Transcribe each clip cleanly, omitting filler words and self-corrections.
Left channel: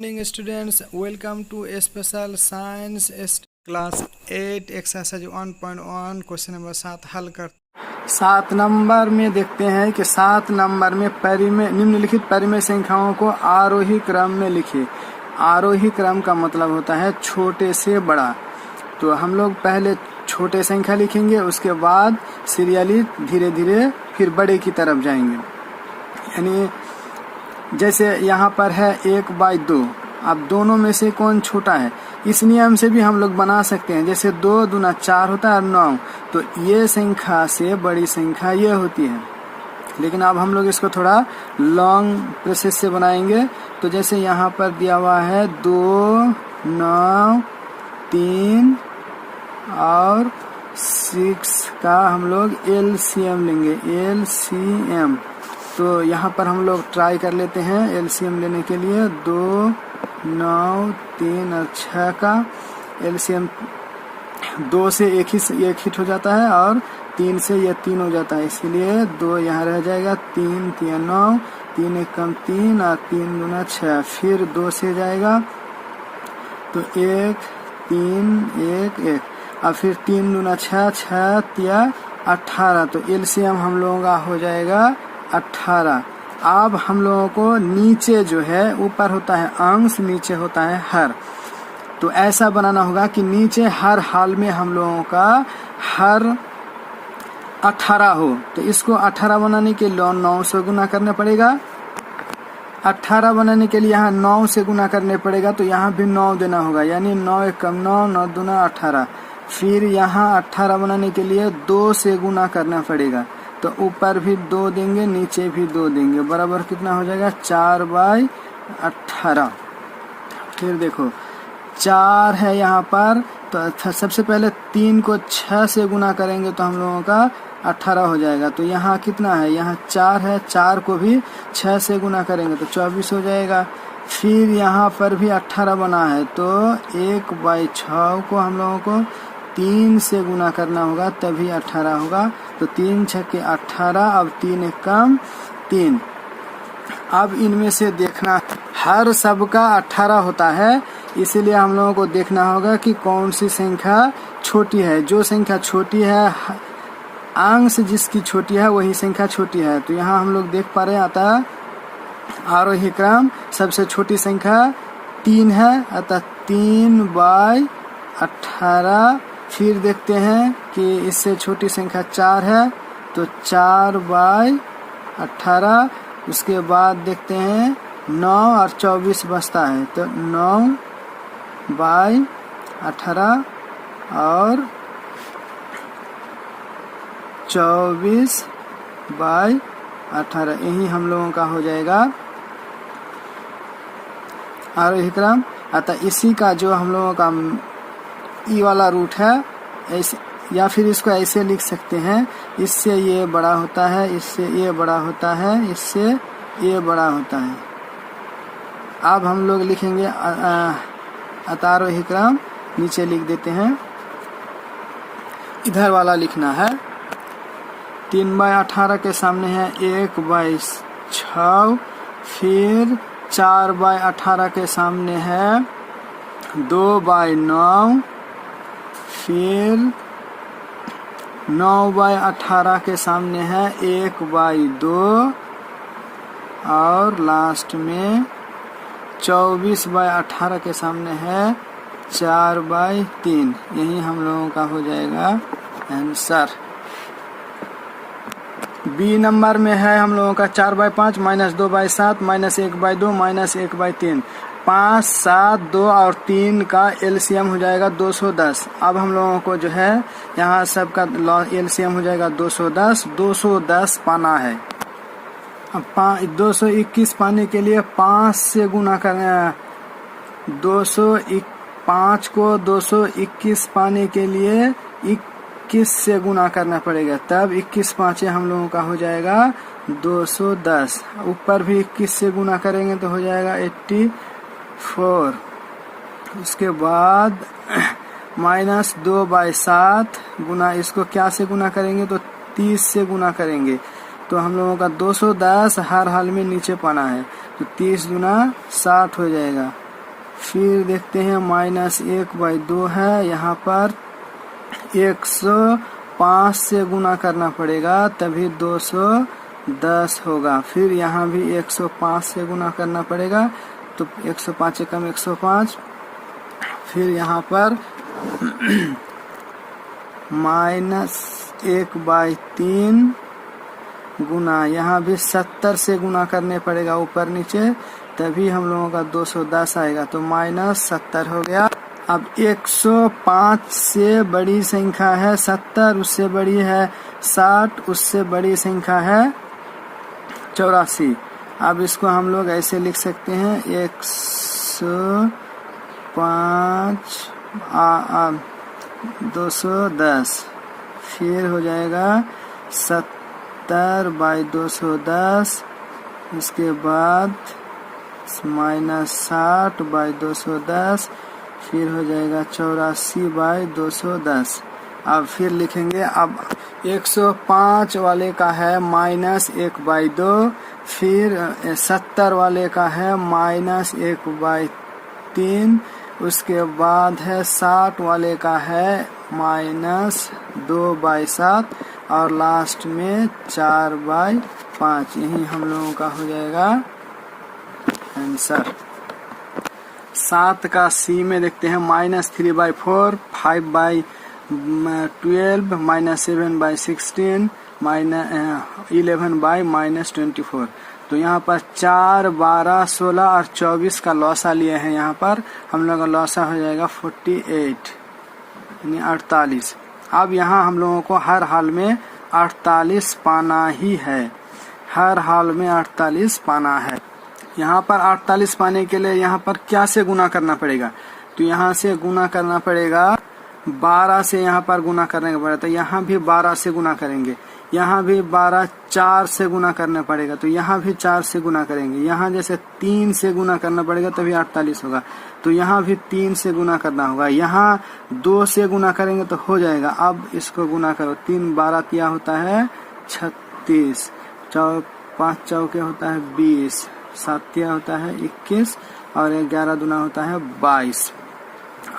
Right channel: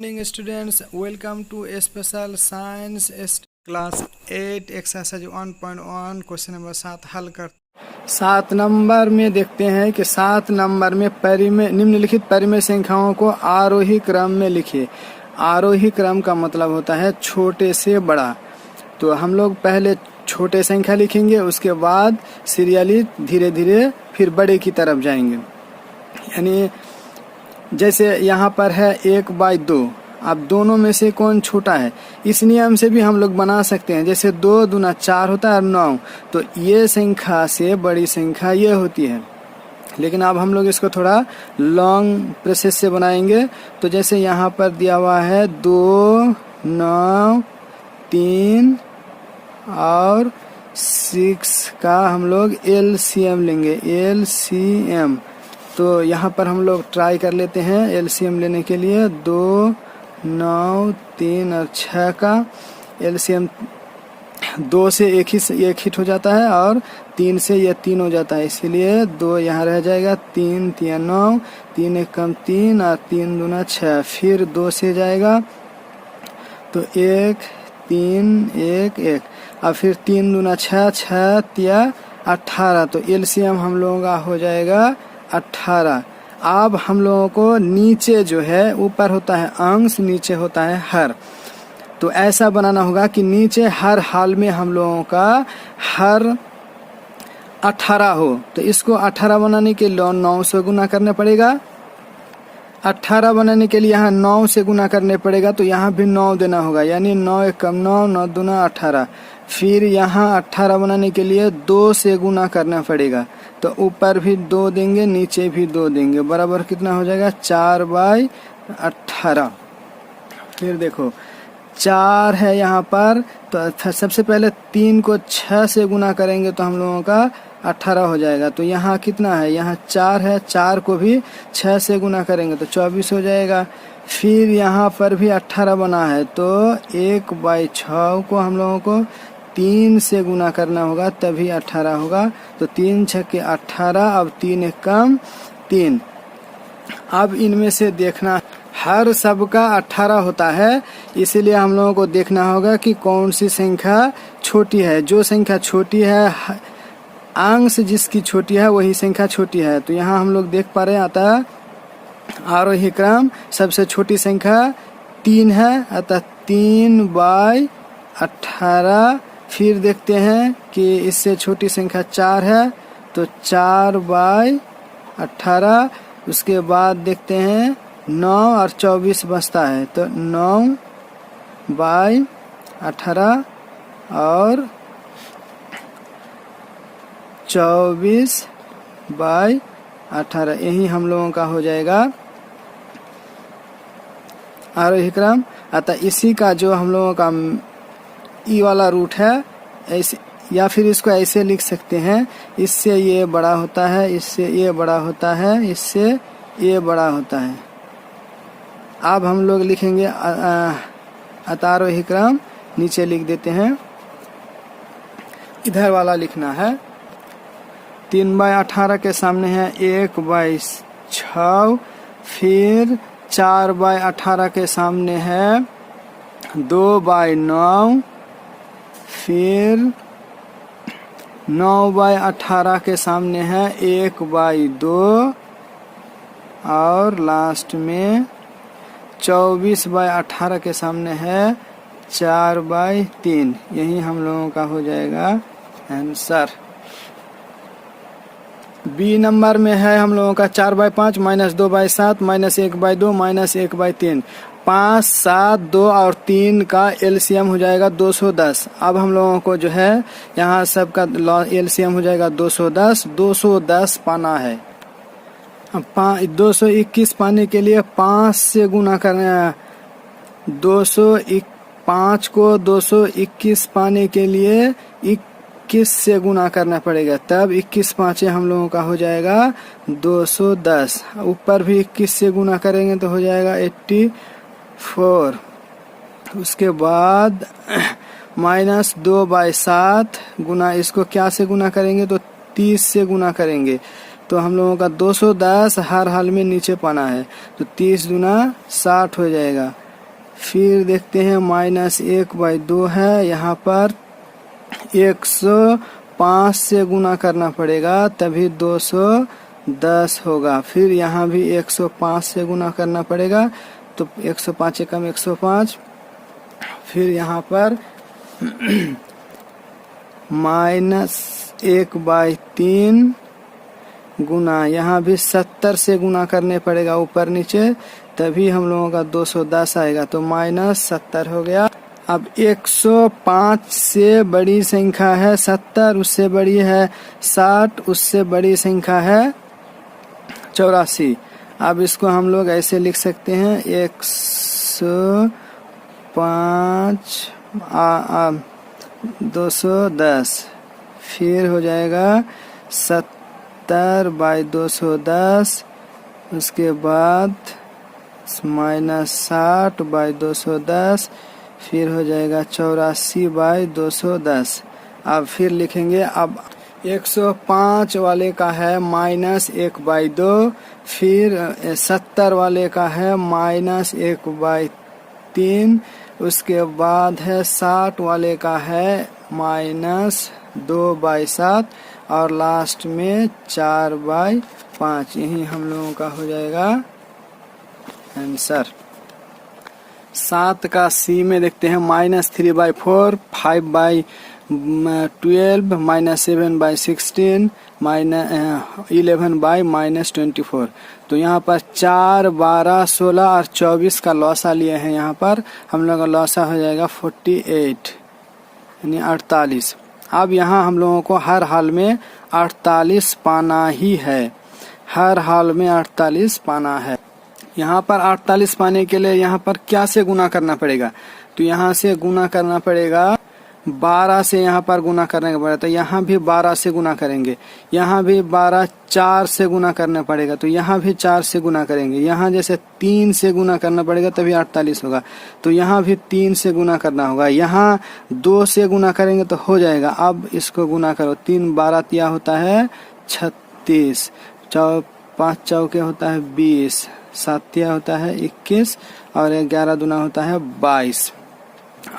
Morning students, welcome to a special science class 8 exercise 1.1 question number 7 हल कर 7 number में देखते हैं कि 7 नंबर में परिमेय निम्नलिखित परिमेय संख्याओं को आरोही क्रम में लिखिए। आरोही क्रम का मतलब होता है छोटे से बड़ा। तो हम लोग पहले छोटे संख्या लिखेंगे, उसके बाद सीरियली धीरे धीरे फिर बड़े की तरफ जाएंगे। यानी जैसे यहाँ पर है 1/2। अब दोनों में से कौन छोटा है, इस नियम से भी हम लोग बना सकते हैं। जैसे 2 दूना 4 होता है और 9, तो ये संख्या से बड़ी संख्या ये होती है। लेकिन अब हम लोग इसको थोड़ा लॉन्ग प्रोसेस से बनाएंगे। तो जैसे यहाँ पर दिया हुआ है 2, 9, 3 और 6 का हम लोग LCM लेंगे। LCM तो यहाँ पर हम लोग ट्राई कर लेते हैं LCM लेने के लिए। 2, 9, 3 और 6 का LCM 2 से एक हिट हो जाता है और 3 से ये 3 हो जाता है, इसीलिए 2 यहाँ रह जाएगा। 3 3 9, 3 1 कम 3 और 3 दूना 6। फिर 2 से जाएगा तो 1 3 1 1 और फिर 3 दूना 6, 6 3 18। तो LCM हम लोगों का हो जाएगा 18। अब हम लोगों को नीचे जो है, ऊपर होता है अंश, नीचे होता है हर। तो ऐसा बनाना होगा कि नीचे हर हाल में हम लोगों का हर 18 हो। तो इसको 18 बनाने के लिए 9 से गुना करना पड़ेगा। 18 बनाने के लिए यहाँ 9 से गुना करने पड़ेगा, तो यहाँ भी 9 देना होगा। यानी 9 1 कम 9, 9 दूना 18। फिर यहाँ 18 बनाने के लिए 2 से गुना करना पड़ेगा, तो ऊपर भी 2 देंगे, नीचे भी 2 देंगे, बराबर कितना हो जाएगा 4/18। फिर देखो 4 है यहाँ पर, तो सबसे पहले 3 को 6 से गुना करेंगे तो हम लोगों का 18 हो जाएगा। तो यहाँ कितना है, यहाँ 4 है, 4 को भी 6 से गुना करेंगे तो 24 हो जाएगा। फिर यहाँ पर भी 18 बना है, तो 1/6 को हम लोगों को 3 से गुना करना होगा, तभी 18 होगा। तो 3 6 18, अब 3 1 कम 3। अब इनमें से देखना, हर सब का 18 होता है, इसीलिए हम लोगों को देखना होगा कि कौन सी संख्या छोटी है। जो संख्या छोटी है, अंश जिसकी छोटी है वही संख्या छोटी है। तो यहाँ हम लोग देख पा रहे हैं, अतः आरोही क्रम सबसे छोटी संख्या 3 है, अतः 3/18। फिर देखते हैं कि इससे छोटी संख्या 4 है, तो 4/18। उसके बाद देखते हैं 9 और 24 बचता है, तो 9/18 और 24/18, यही हम लोगों का हो जाएगा आरोही क्रम। अतः इसी का जो हम लोगों का ई वाला रूट है, ऐसे या फिर इसको ऐसे लिख सकते हैं, इससे ये बड़ा होता है, इससे ये बड़ा होता है, इससे ये बड़ा होता है। अब हम लोग लिखेंगे अतारोही क्रम, नीचे लिख देते हैं, इधर वाला लिखना है। 3/18 के सामने है 1/6, फिर 4/18 के सामने है 2/9, फिर 9/18 के सामने है 1/2 और लास्ट में 24/18 के सामने है 4/3। यही हम लोगों का हो जाएगा आंसर। बी नंबर में है हम लोगों का 4/5 -2/7 -1/2 -1/3। 5 7 2 और 3 का LCM हो जाएगा 210। अब हम लोगों को जो है यहाँ सबका LCM हो जाएगा 210। 210 पाना है। अब 221 पाने के लिए 5 से गुना करना है। 5 को 221 पाने के लिए 21 से गुना करना पड़ेगा, तब 21 5 हम लोगों का हो जाएगा 210। ऊपर भी 21 से गुना करेंगे तो हो जाएगा 84। उसके बाद -2/7 गुना, इसको क्या से गुना करेंगे तो 30 से गुना करेंगे, तो हम लोगों का 210 हर हाल में नीचे पाना है, तो 30 गुना 60 हो जाएगा। फिर देखते हैं -1/2 है, यहाँ पर 105 से गुना करना पड़ेगा तभी 210 होगा। फिर यहाँ भी 105 से गुना करना पड़ेगा तो 105 एकम 105। फिर यहाँ पर -1/3 गुना, यहाँ भी 70 से गुना करने पड़ेगा ऊपर नीचे तभी हम लोगों का 210 आएगा, तो -70 हो गया। अब 105 से बड़ी संख्या है 70, उससे बड़ी है 60, उससे बड़ी संख्या है 84। अब इसको हम लोग ऐसे लिख सकते हैं 105 210, फिर हो जाएगा 70/210, उसके बाद -60/210, फिर हो जाएगा 84/210। अब फिर लिखेंगे, अब 105 वाले का है -1/2, फिर 70 वाले का है -1/3, उसके बाद है 60 वाले का है -2/7 और लास्ट में 4/5। यही हम लोगों का हो जाएगा आंसर। 7 का सी में देखते हैं -3/4, 5/12, -7/16, -11/-24। तो यहाँ पर 4, 12, 16 और 24 का लौसा लिए हैं। यहाँ पर हम लोग का लौसा हो जाएगा 48 यानी 48। अब यहाँ हम लोगों को हर हाल में 48 पाना ही है, हर हाल में 48 पाना है। यहाँ पर 48 पाने के लिए यहाँ पर क्या से गुना करना पड़ेगा, तो यहाँ से गुना करना पड़ेगा 12 से, यहाँ पर गुना करने का पड़ेगा तो यहाँ भी 12 से गुना करेंगे, यहाँ भी 12, 4 से गुना करना पड़ेगा तो यहाँ भी 4 से गुना करेंगे, यहाँ जैसे 3 से गुना करना पड़ेगा तभी 48 होगा तो यहाँ भी 3 से गुना करना होगा, यहाँ 2 से गुना करेंगे तो हो जाएगा। अब इसको गुना करो, 3 12 तिया होता है 36, 5 चौके होता है 20, 7 तिया होता है 21 और 11 दूना होता है 22।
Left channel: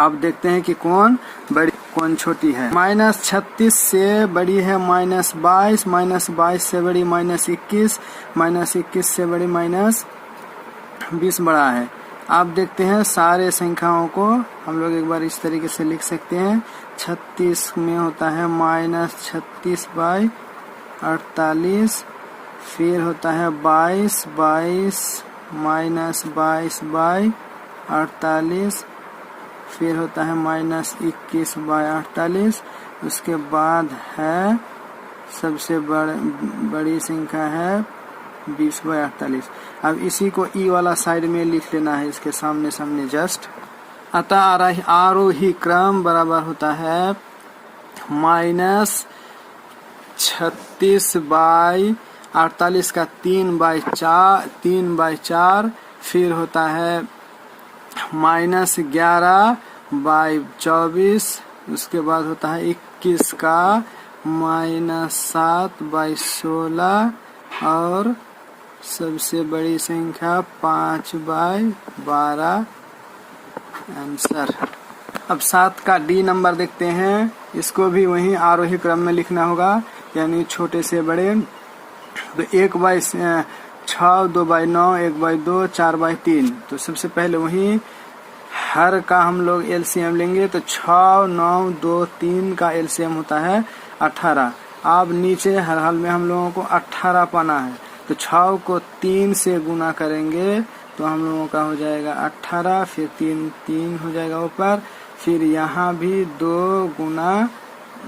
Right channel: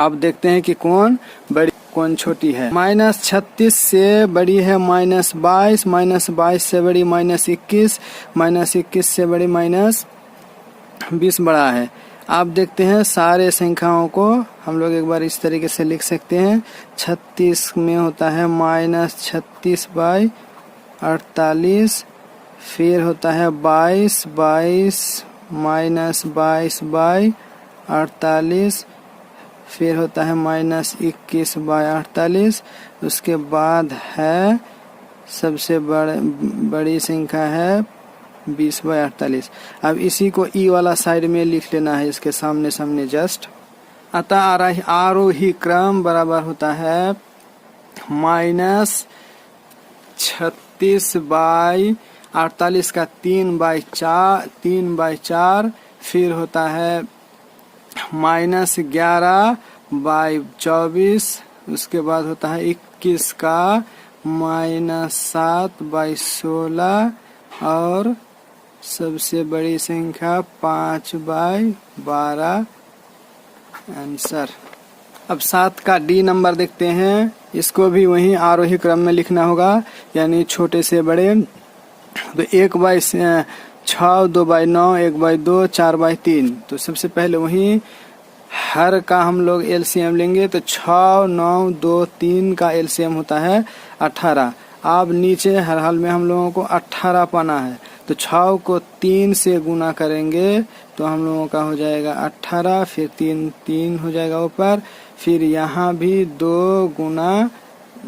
अब देखते हैं कि कौन बड़ी कौन छोटी है। -36 से बड़ी है -22, -22 से बड़ी -21, -21 से बड़ी -20 बड़ा है। अब देखते हैं सारे संख्याओं को हम लोग एक बार इस तरीके से लिख सकते हैं। 36 में होता है -36/48, फिर होता है 22 -22/48, फिर होता है -21/48, उसके बाद है सबसे बड़ी संख्या है 20/48। अब इसी को ई वाला साइड में लिख लेना है, इसके सामने सामने जस्ट। अतः आरोही क्रम बराबर होता है -36/48 का 3/4, फिर होता है -11/24, उसके बाद होता है 21 का -7/16 और सबसे बड़ी संख्या 5/12 आंसर। अब 7 का डी नंबर देखते हैं, इसको भी वही आरोही क्रम में लिखना होगा यानी छोटे से बड़े। तो 1/6, 2/9, 1/2, 4/3। तो सबसे पहले वही हर का हम लोग एलसीएम लेंगे तो 6, 9, 2, 3 का एलसीएम होता है 18। अब नीचे हर हाल में हम लोगों को 18 पाना है तो 6 को 3 से गुना करेंगे तो हम लोगों का हो जाएगा 18, फिर 3 हो जाएगा ऊपर, फिर यहाँ भी 2 गुना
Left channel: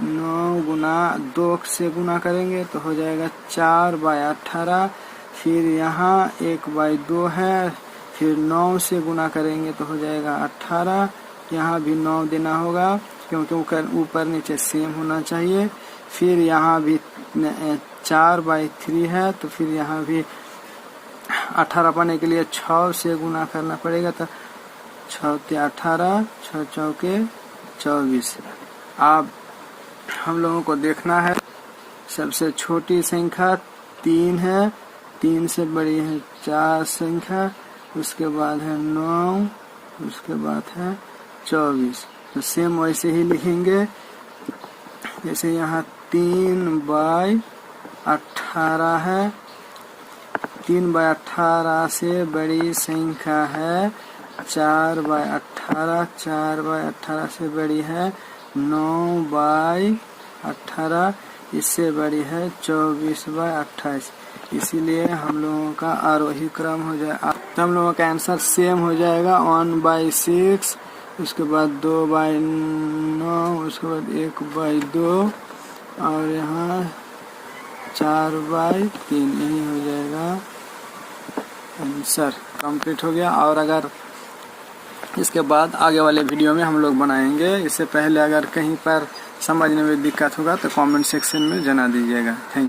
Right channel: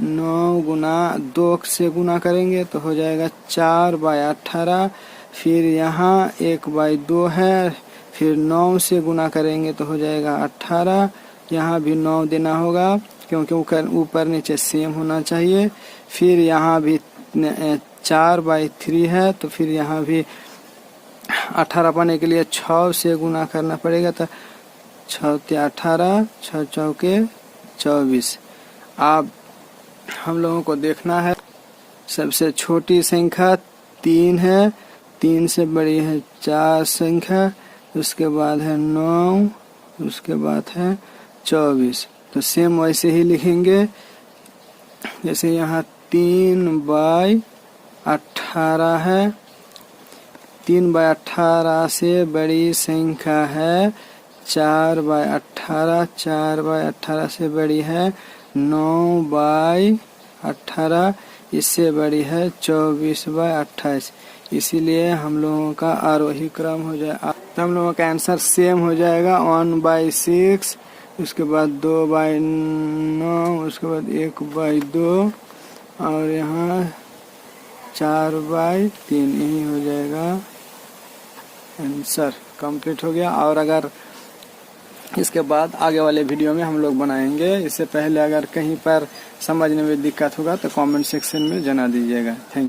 9 गुना 2 से गुना करेंगे तो हो जाएगा 4/18, फिर यहाँ 1/2 है, फिर 9 से गुना करेंगे तो हो जाएगा 18, यहाँ भी 9 देना होगा क्योंकि ऊपर नीचे सेम होना चाहिए। फिर यहाँ भी 4/3 है तो फिर यहाँ भी 18 पाने के लिए 6 से गुना करना पड़ेगा तो 6 × 18, 6 चौके 24। अब हम लोगों को देखना है सबसे छोटी संख्या 3 है, 3 से बड़ी है 4 संख्या, उसके बाद है 9, उसके बाद है 24। तो सेम वैसे ही लिखेंगे, जैसे यहाँ 3/18 है। 3/18 से बड़ी संख्या है 4/18। 4/18 से बड़ी है 9/18। इससे बड़ी है 24/28। इसीलिए हम लोगों का आरोही क्रम हो जाएगा। तो हम लोगों का आंसर सेम हो जाएगा 1/6, उसके बाद 2/9, उसके बाद 1/2 और यहाँ 4/3। यही हो जाएगा आंसर। कंप्लीट हो गया। और अगर इसके बाद आगे वाले वीडियो में हम लोग बनाएंगे। इससे पहले अगर कहीं पर समझने में दिक्कत होगा तो कमेंट सेक्शन में जना दीजिएगा। Thank you.